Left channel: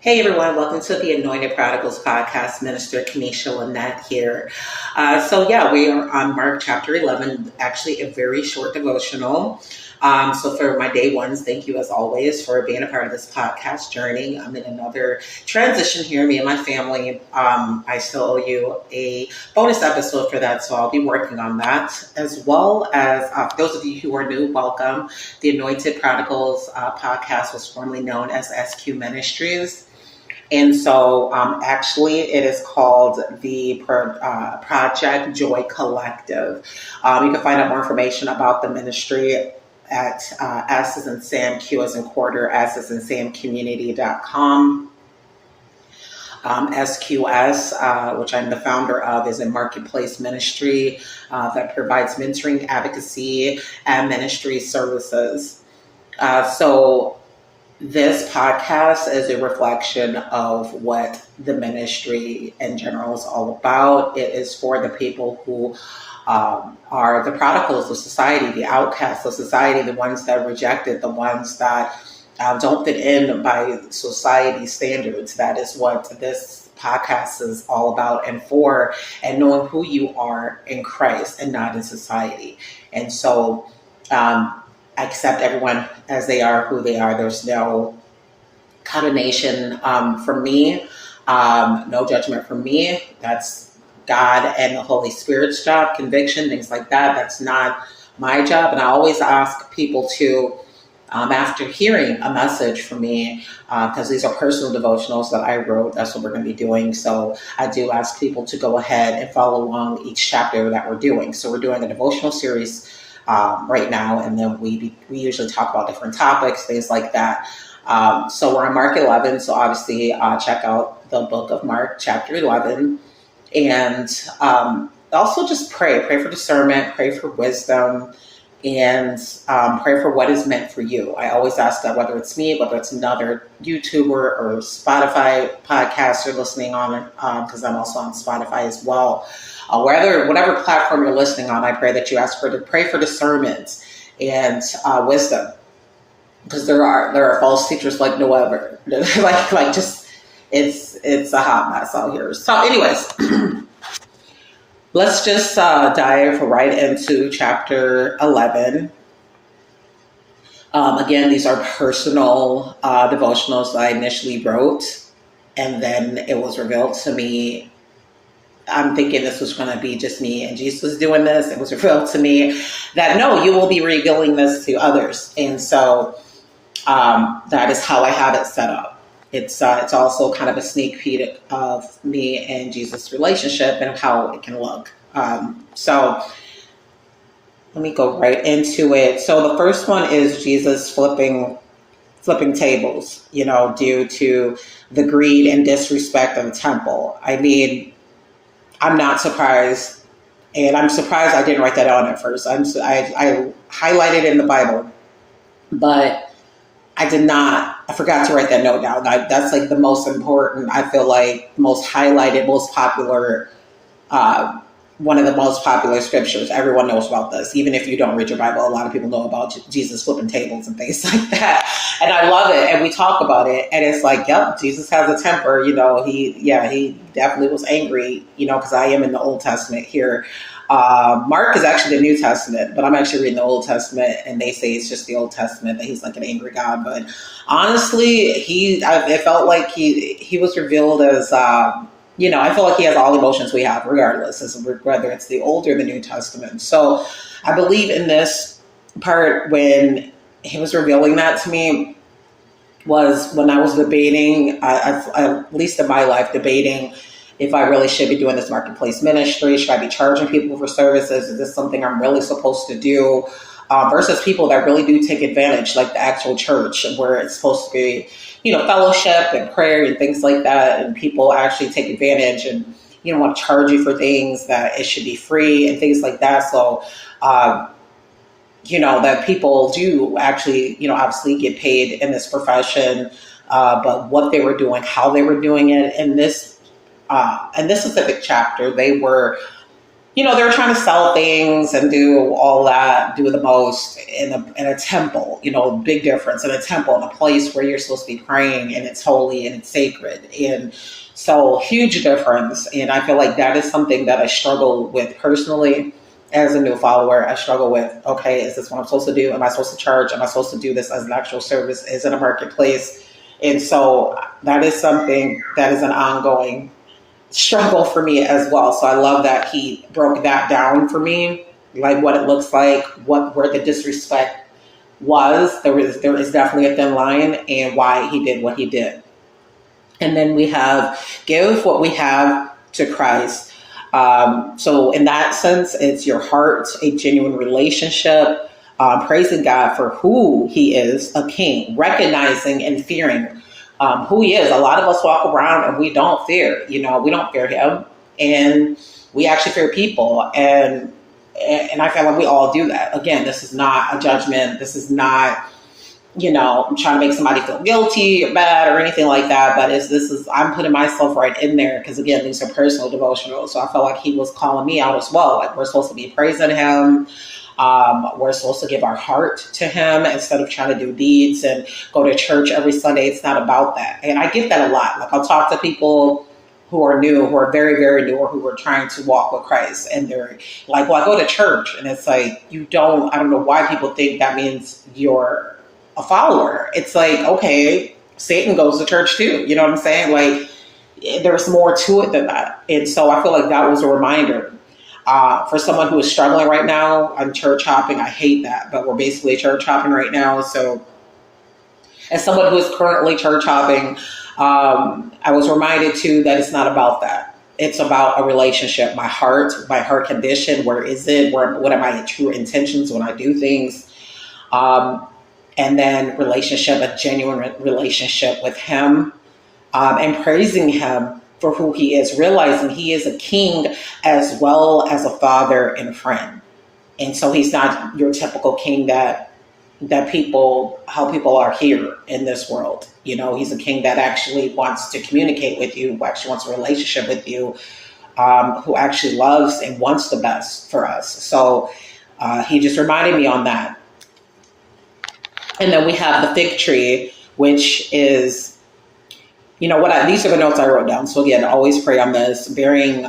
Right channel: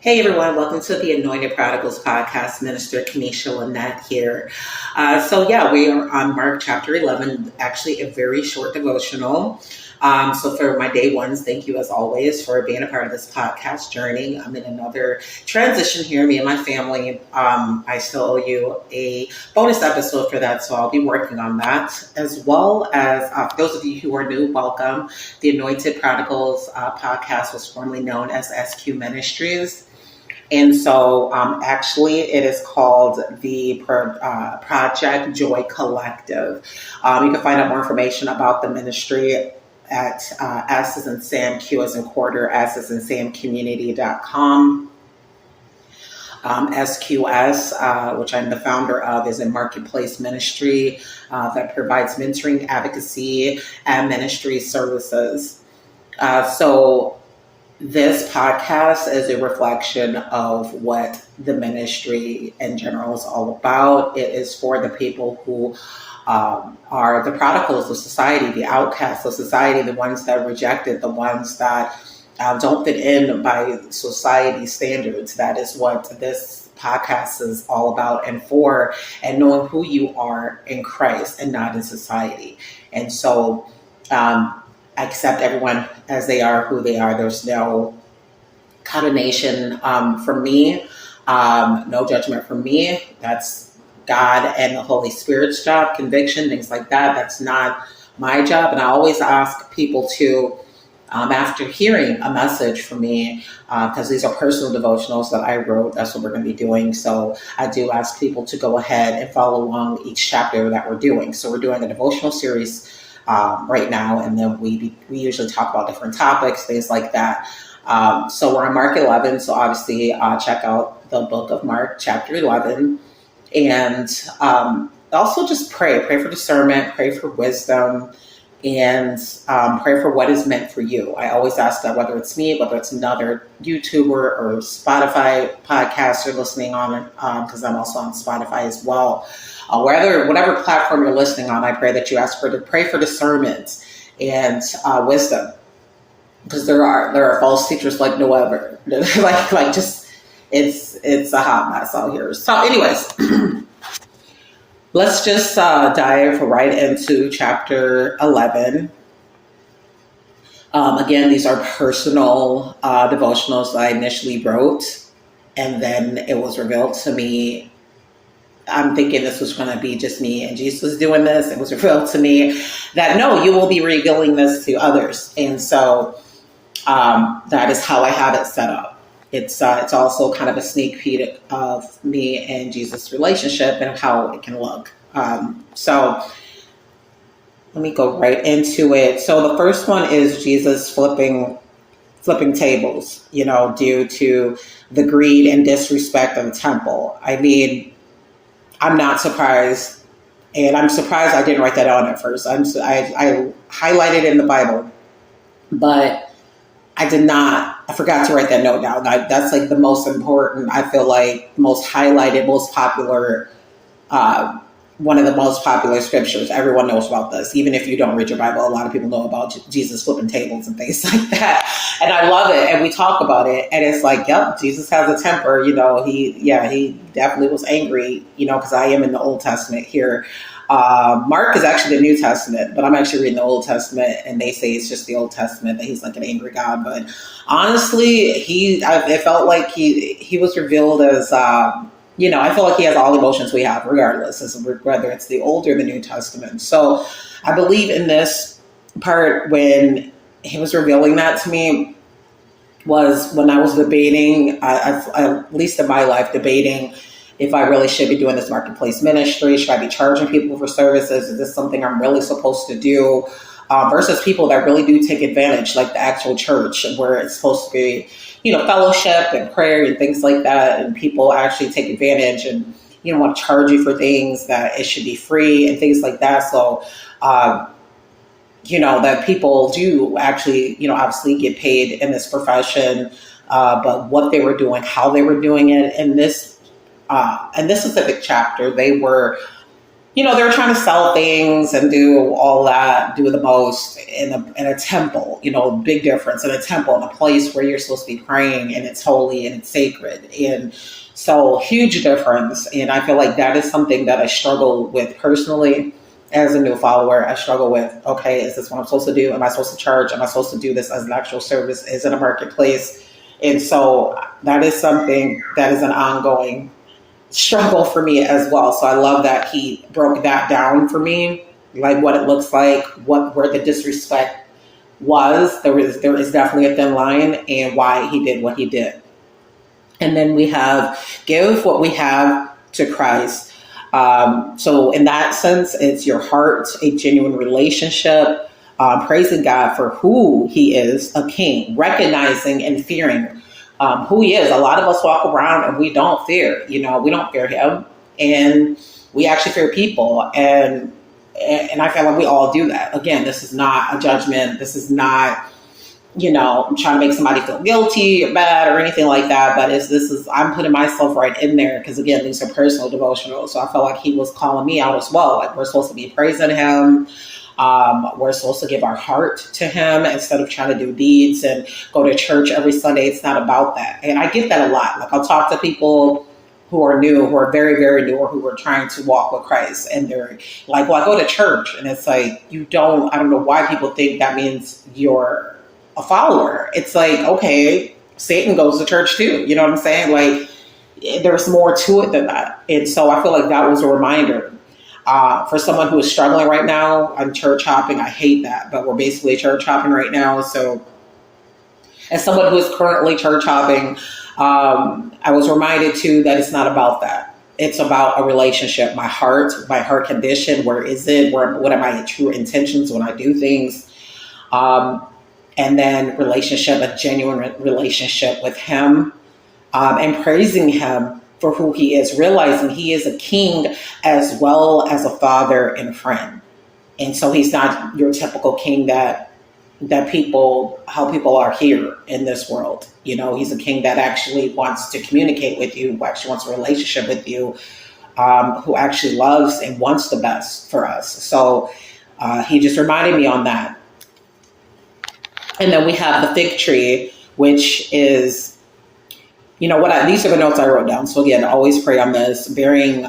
Hey everyone, welcome to the Anointed Prodigals podcast. Minister Kanisha Lynette here. We are on Mark chapter 11, actually a very short devotional. So for my day ones, thank you as always for being a part of this podcast journey. I'm in another transition here, me and my family. I still owe you a bonus episode for that, so I'll be working on that. As well as those of you who are new, welcome. The Anointed Prodigals podcast was formerly known as S.Q Ministries. And so actually it is called the Project Joy Collective. You can find out more information about the ministry at S as in Sam, Q as in quarter, S as in Sam community.com. S.Q.S, which I'm the founder of, is a marketplace ministry that provides mentoring, advocacy, and ministry services. This podcast is a reflection of what the ministry in general is all about. It is for the people who are the prodigals of society, the outcasts of society, the ones that are rejected, the ones that don't fit in by society standards. That is what this podcast is all about and knowing who you are in Christ and not in society. And so, accept everyone as they are, who they are. There's no condemnation from me, no judgment from me. That's God and the Holy Spirit's job, conviction, things like that. That's not my job. And I always ask people to, after hearing a message from me, because these are personal devotionals that I wrote, that's what we're going to be doing. So I do ask people to go ahead and follow along each chapter that we're doing. So we're doing a devotional series right now, and then we usually talk about different topics, things like that. So we're on Mark 11, so obviously check out the book of Mark, chapter 11, and also just pray for discernment, pray for wisdom, and pray for what is meant for you. I always ask that, whether it's me, whether it's another YouTuber or Spotify podcast you're listening on, because I'm also on Spotify as well. Whatever platform you're listening on, I pray that you pray for discernment and wisdom, because there are false teachers like no other. It's a hot mess out here. So, anyways, let's just dive right into chapter 11. Again, these are personal devotionals that I initially wrote, and then it was revealed to me. I'm thinking this was going to be just me and Jesus doing this. It was revealed to me that no, you will be revealing this to others. And so that is how I have it set up. It's also kind of a sneak peek of me and Jesus' relationship and how it can look. So let me go right into it. So the first one is Jesus flipping tables, due to the greed and disrespect of the temple. I mean, I'm not surprised, and I'm surprised I didn't write that down at first. I highlighted it in the Bible, but I forgot to write that note down. That's like the most important, I feel like, most highlighted, most popular, one of the most popular scriptures. Everyone knows about this. Even if you don't read your Bible, a lot of people know about Jesus flipping tables and things like that. And I love it. And we talk about it. And it's like, yep, Jesus has a temper. He definitely was angry, because I am in the Old Testament here. Mark is actually the New Testament, but I'm actually reading the Old Testament, and they say it's just the Old Testament, that he's like an angry God. But honestly, it felt like he was revealed as, I feel like he has all emotions we have, regardless, whether it's the Old or the New Testament. So I believe in this part, when he was revealing that to me, was when I was debating, at least in my life, debating if I really should be doing this marketplace ministry. Should I be charging people for services? Is this something I'm really supposed to do? Versus people that really do take advantage, like the actual church, where it's supposed to be, fellowship and prayer and things like that. And people actually take advantage and, want to charge you for things that it should be free and things like that. So, that people do actually, obviously get paid in this profession, but what they were doing, how they were doing it in this specific chapter, they were, they were trying to sell things and do all that, do the most in a temple, big difference in a temple, in a place where you're supposed to be praying and it's holy and it's sacred. And so huge difference. And I feel like that is something that I struggle with personally as a new follower. I struggle with, okay, is this what I'm supposed to do? Am I supposed to charge? Am I supposed to do this as an actual service? Is it a marketplace? And so that is something that is an ongoing struggle for me as well. So I love that he broke that down for me, like what it looks like, where the disrespect was. There is definitely a thin line, and why he did what he did. And then we have give what we have to Christ. So in that sense, it's your heart, a genuine relationship, praising God for who he is, a king, recognizing and fearing who he is. A lot of us walk around and we don't fear, we don't fear him, and we actually fear people. And I feel like we all do that. Again, this is not a judgment. This is not, I'm trying to make somebody feel guilty or bad or anything like that. But I'm putting myself right in there because, again, these are personal devotionals. So I felt like he was calling me out as well. Like, we're supposed to be praising him. We're supposed to give our heart to him instead of trying to do deeds and go to church every Sunday. It's not about that. And I get that a lot. Like, I'll talk to people who are new, who are very, very new, or who are trying to walk with Christ. And they're like, well, I go to church. And it's like, I don't know why people think that means you're a follower. It's like, okay, Satan goes to church too. You know what I'm saying? Like, there's more to it than that. And so I feel like that was a reminder. For someone who is struggling right now on church hopping, I hate that, but we're basically church hopping right now. So as someone who is currently church hopping, I was reminded too that it's not about that. It's about a relationship. My heart condition. Where is it? What are my true intentions when I do things? And then relationship, a genuine relationship with him, and praising him for who he is, realizing he is a king as well as a father and friend. And so he's not your typical king that how people are here in this world. He's a king that actually wants to communicate with you, who actually wants a relationship with you, who actually loves and wants the best for us. So he just reminded me on that. And then we have the fig tree, which is, these are the notes I wrote down. So again, always pray on this. Bearing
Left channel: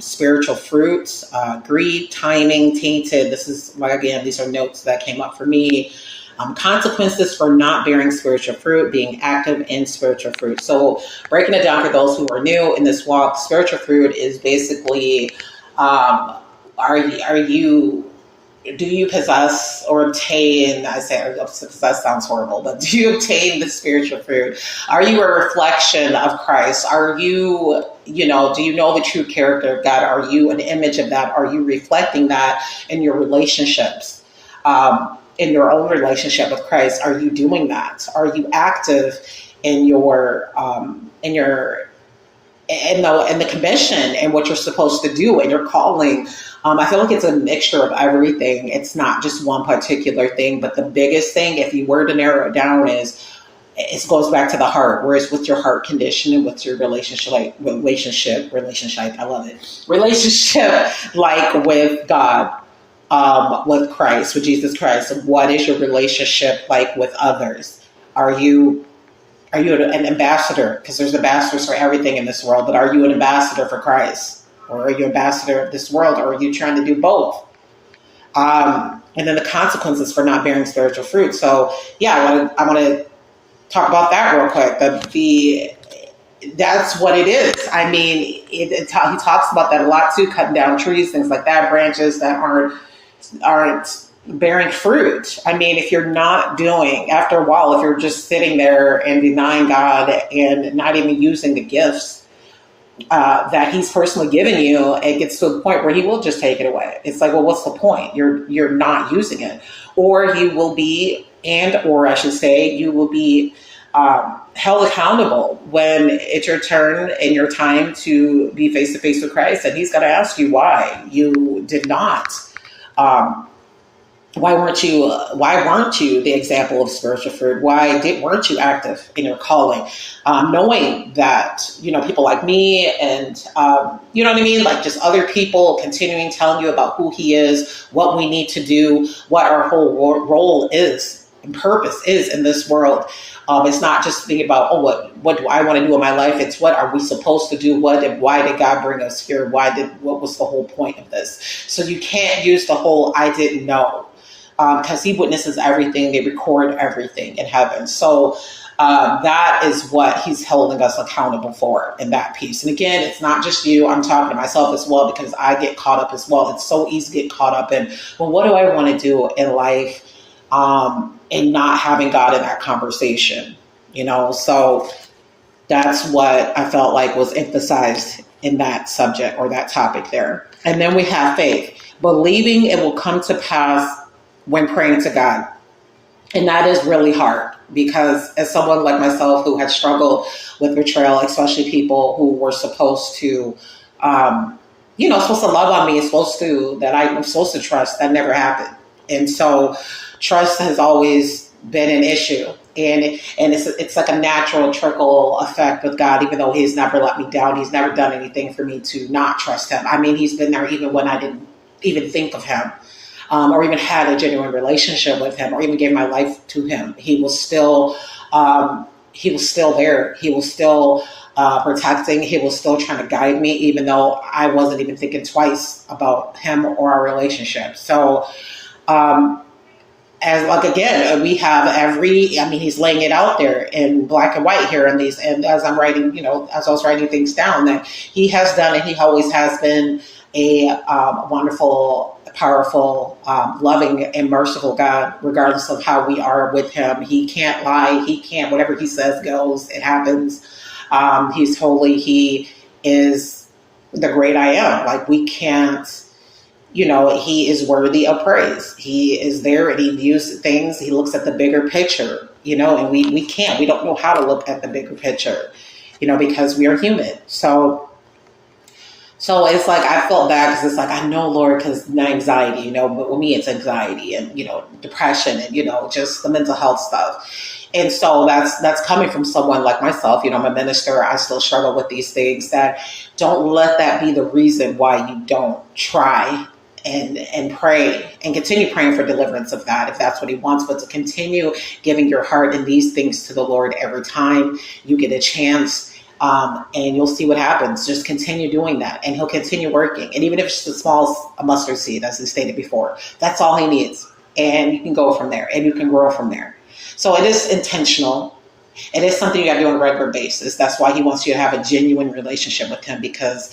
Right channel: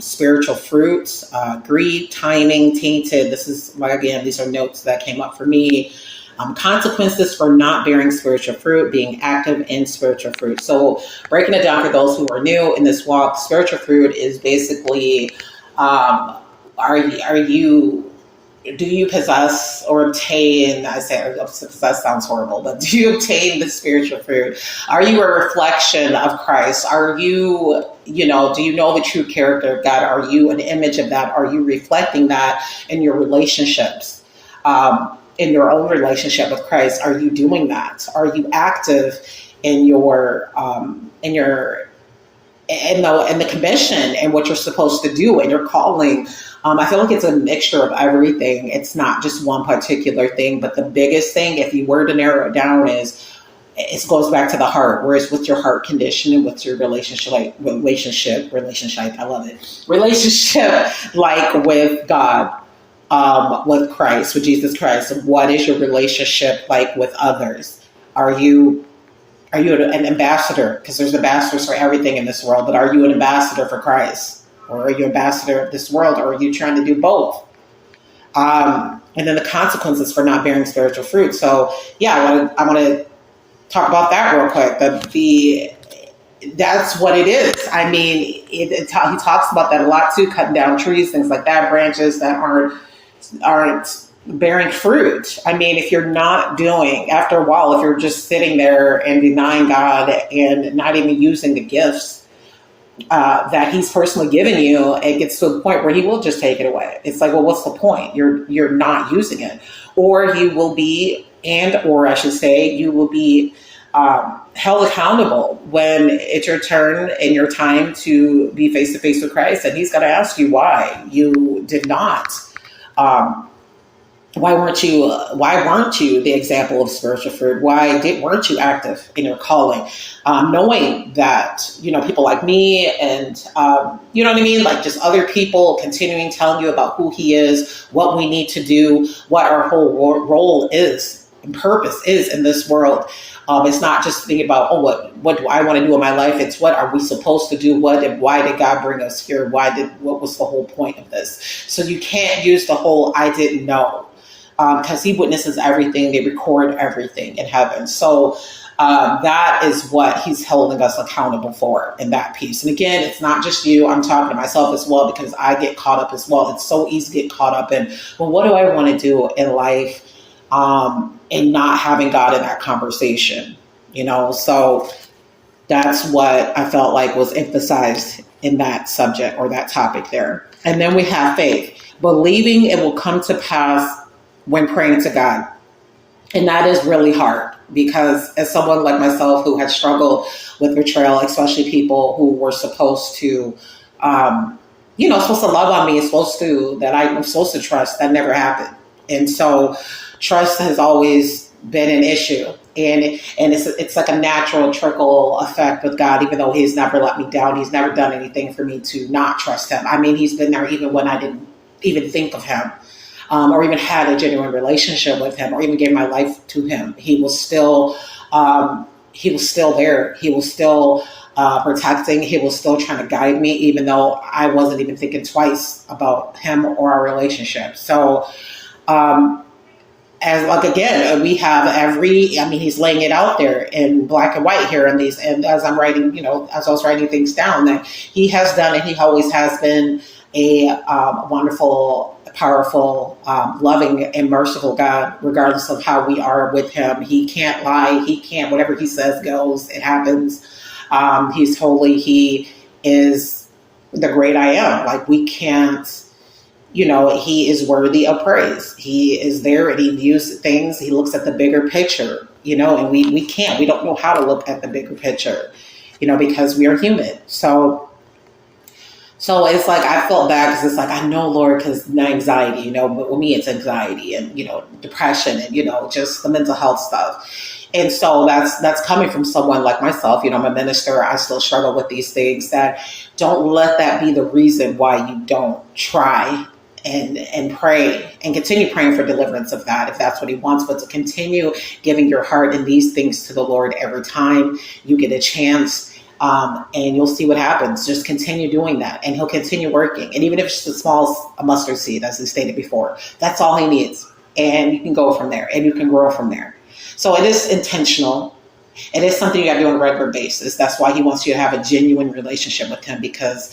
spiritual fruits, greed, timing, tainted. These are notes that came up for me. Consequences for not bearing spiritual fruit, being active in spiritual fruit. So breaking it down for those who are new in this walk, spiritual fruit is basically, do you possess or obtain, I say possess sounds horrible, but do you obtain the spiritual fruit? Are you a reflection of Christ? Are you, do you know the true character of God? Are you an image of that? Are you reflecting that in your relationships? In your own relationship with Christ, are you doing that? Are you active in the commission and what you're supposed to do and your calling? I feel like it's a mixture of everything. It's not just one particular thing, but the biggest thing, if you were to narrow it down, is it goes back to the heart. Whereas with your heart condition and with your relationship, I love it. Relationship like with God, with Christ, with Jesus Christ. What is your relationship like with others? Are you an ambassador? Because there's ambassadors for everything in this world, but are you an ambassador for Christ? Or are you an ambassador of this world? Or are you trying to do both? And then the consequences for not bearing spiritual fruit. So yeah, I want to talk about that real quick. That's what it is. I mean, he talks about that a lot too, cutting down trees, things like that, branches that aren't bearing fruit. I mean, if you're not doing, after a while, if you're just sitting there and denying God and not even using the gifts that he's personally given you, it gets to a point where he will just take it away. It's like, well, what's the point? You're not using it. Or you will be, you will be held accountable when it's your turn and your time to be face to face with Christ. And he's going to ask you why you did not why weren't you the example of spiritual fruit? Weren't you active in your calling? Knowing that, people like me and, you know what I mean? Like just other people continuing telling you about who he is, what we need to do, what our whole role is and purpose is in this world. It's not just thinking about, what do I want to do in my life? It's what are we supposed to do? Why did God bring us here? What was the whole point of this? So you can't use the whole, I didn't know. Because he witnesses everything, they record everything in heaven. So that is what he's holding us accountable for in that piece. And again, it's not just you. I'm talking to myself as well because I get caught up as well. It's so easy to get caught up in, well, what do I want to do in life? And not having God in that conversation, So that's what I felt like was emphasized in that subject or that topic there. And then we have faith, believing it will come to pass when praying to God. And that is really hard because as someone like myself who had struggled with betrayal, especially people who were supposed to, supposed to love on me, that I'm supposed to trust, that never happened. And so trust has always been an issue. And it's like a natural trickle effect with God, even though he's never let me down. He's never done anything for me to not trust him. I mean, he's been there even when I didn't even think of him. Or even had a genuine relationship with him, or even gave my life to him. He was still there. He was still protecting. He was still trying to guide me, even though I wasn't even thinking twice about him or our relationship. So, we have he's laying it out there in black and white here in these. And as I'm writing, as I was writing things down, that he has done, and he always has been a wonderful, powerful, loving, and merciful God, regardless of how we are with him. He can't lie. Whatever he says goes. It happens. He's holy. He is the great I am. Like we can't, he is worthy of praise. He is there and he views things. He looks at the bigger picture, and we can't. We don't know how to look at the bigger picture, because we are human. So it's like I felt bad because it's like, I know, Lord, because my anxiety, but with me it's anxiety and, depression and, just the mental health stuff. And so that's coming from someone like myself. I'm a minister. I still struggle with these things. That don't let that be the reason why you don't try and pray and continue praying for deliverance of that, if that's what he wants, but to continue giving your heart and these things to the Lord every time you get a chance. And you'll see what happens. Just continue doing that and he'll continue working. And even if it's just a mustard seed, as we stated before, that's all he needs. And you can go from there and you can grow from there. So it is intentional. It is something you got to do on a regular basis. That's why he wants you to have a genuine relationship with him, because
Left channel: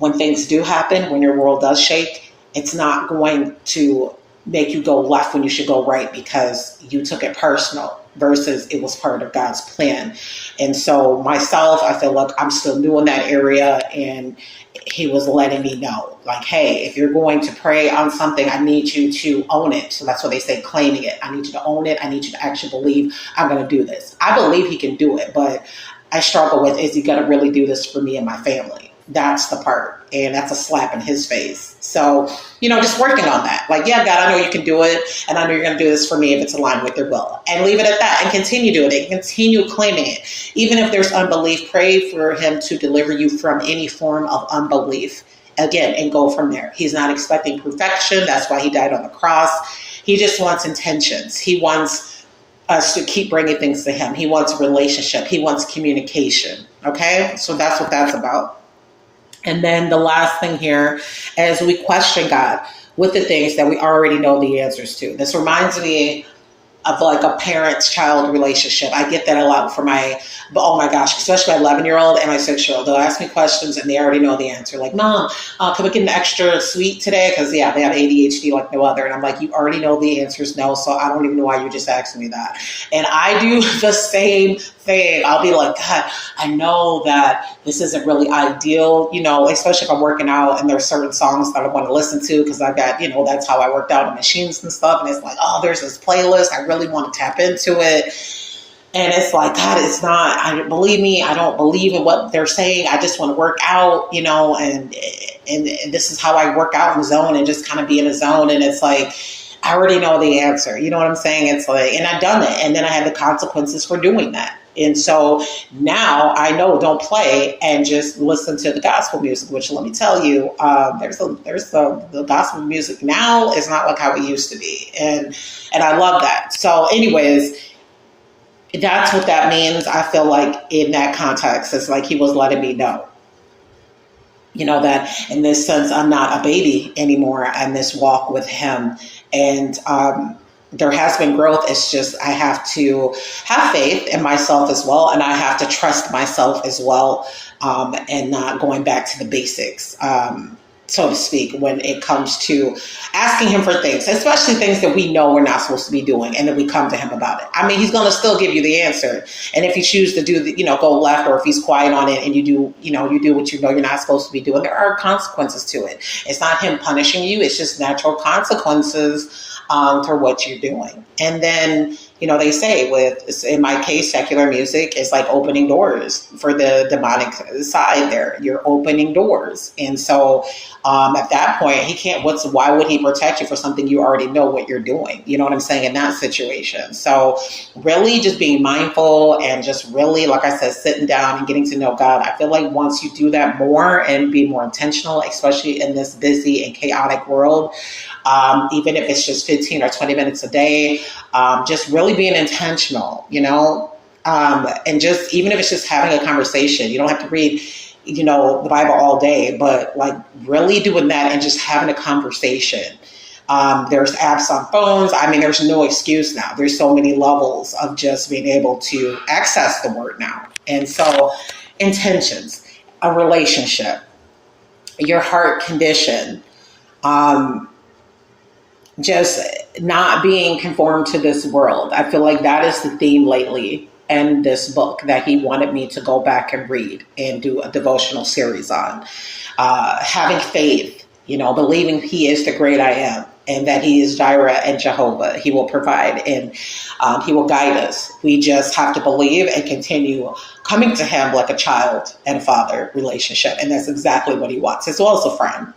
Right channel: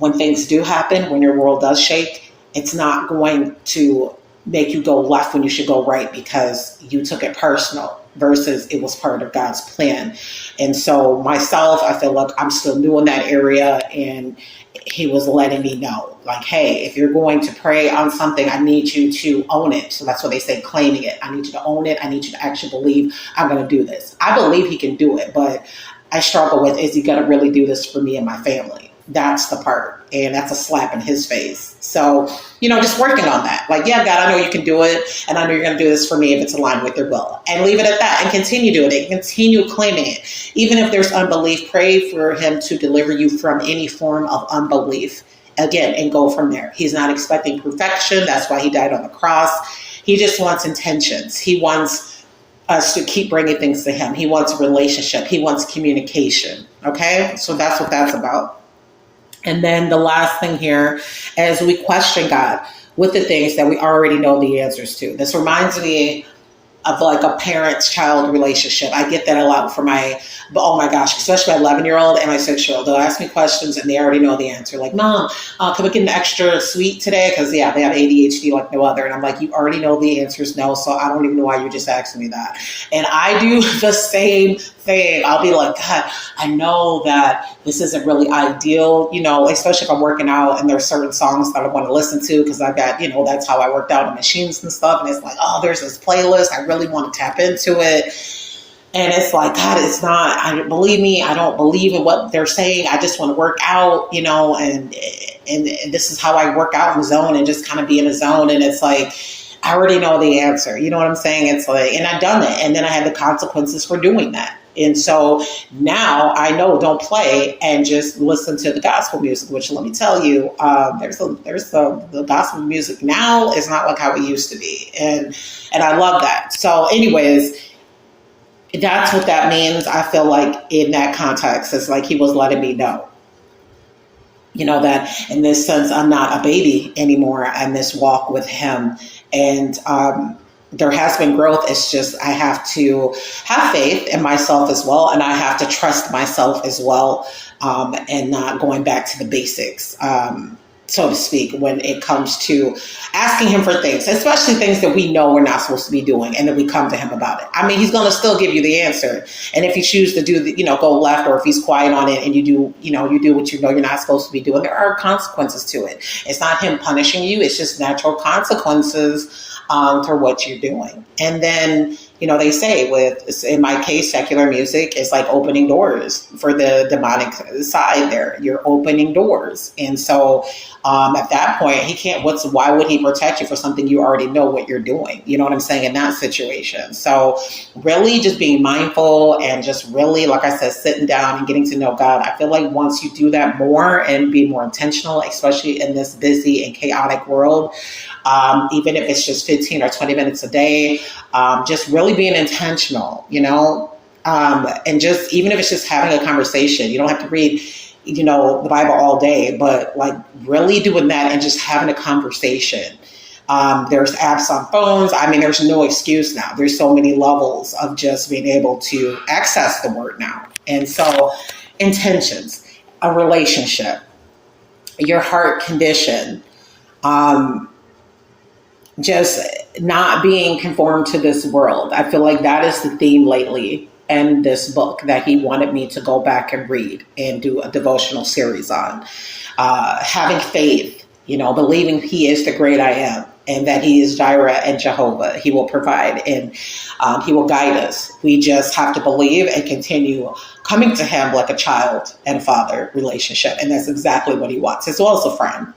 when things do happen, when your world does shake, it's not going to make you go left when you should go right because you took it personal versus it was part of God's plan. And so myself, I feel like I'm still new in that area, and he was letting me know, like, hey, if you're going to pray on something, I need you to own it. So that's what they say, claiming it. I need you to own it. I need you to actually believe I'm going to do this. I believe he can do it, but I struggle with, is he going to really do this for me and my family? That's the part. And that's a slap in his face. So, just working on that. Like, yeah, God, I know you can do it. And I know you're going to do this for me if it's aligned with your will. And leave it at that and continue doing it. Continue claiming it. Even if there's unbelief, pray for him to deliver you from any form of unbelief. Again, and go from there. He's not expecting perfection. That's why he died on the cross. He just wants intentions. He wants us to keep bringing things to him. He wants a relationship. He wants communication. Okay? So that's what that's about. And then the last thing here is we question God with the things that we already know the answers to. This reminds me of like a parent-child relationship. I get that a lot for oh my gosh, especially my 11-year-old and my 6-year-old. They'll ask me questions and they already know the answer. Like, Mom, can we get an extra sweet today? Because, yeah, they have ADHD like no other. And I'm like, you already know the answer is no, so I don't even know why you just asked me that. And I do the same thing. I'll be like, God, I know that this isn't really ideal, especially if I'm working out and there's certain songs that I want to listen to because I got, that's how I worked out in machines and stuff. And it's like, oh, there's this playlist. I really want to tap into it. And it's like, God, believe me, I don't believe in what they're saying. I just want to work out, and this is how I work out in zone and just kind of be in a zone. And it's like, I already know the answer. You know what I'm saying? It's like, and I've done it, and then I had the consequences for doing that. And so now I know, don't play and just listen to the gospel music. Which, let me tell you, the gospel music now is not like how it used to be, and I love that. So, anyways, that's what that means. I feel like in that context, it's like he was letting me know, that in this sense, I'm not a baby anymore in this walk with him. And there has been growth. It's just I have to have faith in myself as well. And I have to trust myself as well, and not going back to the basics, so to speak, when it comes to asking him for things, especially things that we know we're not supposed to be doing, and then we come to him about it. I mean, he's going to still give you the answer. And if you choose to do go left, or if he's quiet on it and you do what you know you're not supposed to be doing, there are consequences to it. It's not him punishing you. It's just natural consequences to what you're doing. And then, they say in my case, secular music is like opening doors for the demonic side there. You're opening doors. And so at that point, why would he protect you for something you already know what you're doing? You know what I'm saying? In that situation. So really just being mindful and just really, like I said, sitting down and getting to know God. I feel like once you do that more and be more intentional, especially in this busy and chaotic world, even if it's just 15 or 20 minutes a day, just really being intentional, and just, even if it's just having a conversation, you don't have to read, the Bible all day, but like really doing that and just having a conversation. There's apps on phones. I mean, there's no excuse now. There's so many levels of just being able to access the word now. And so intentions, a relationship, your heart condition, just not being conformed to this world. I feel like that is the theme lately in this book that he wanted me to go back and read and do a devotional series on. Having faith, believing he is the great I am, and that he is Jireh and Jehovah. He will provide, and he will guide us. We just have to believe and continue coming to him like a child and father relationship. And that's exactly what he wants, as well as a friend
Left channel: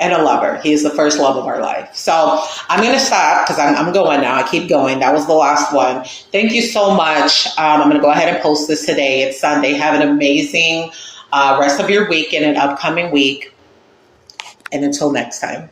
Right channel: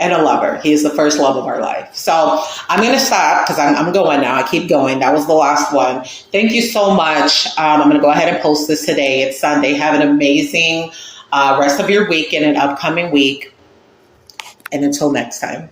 and a lover. He is the first love of our life. So I'm going to stop because I'm going now. I keep going. That was the last one. Thank you so much. I'm going to go ahead and post this today. It's Sunday. Have an amazing rest of your week and an upcoming week. And until next time.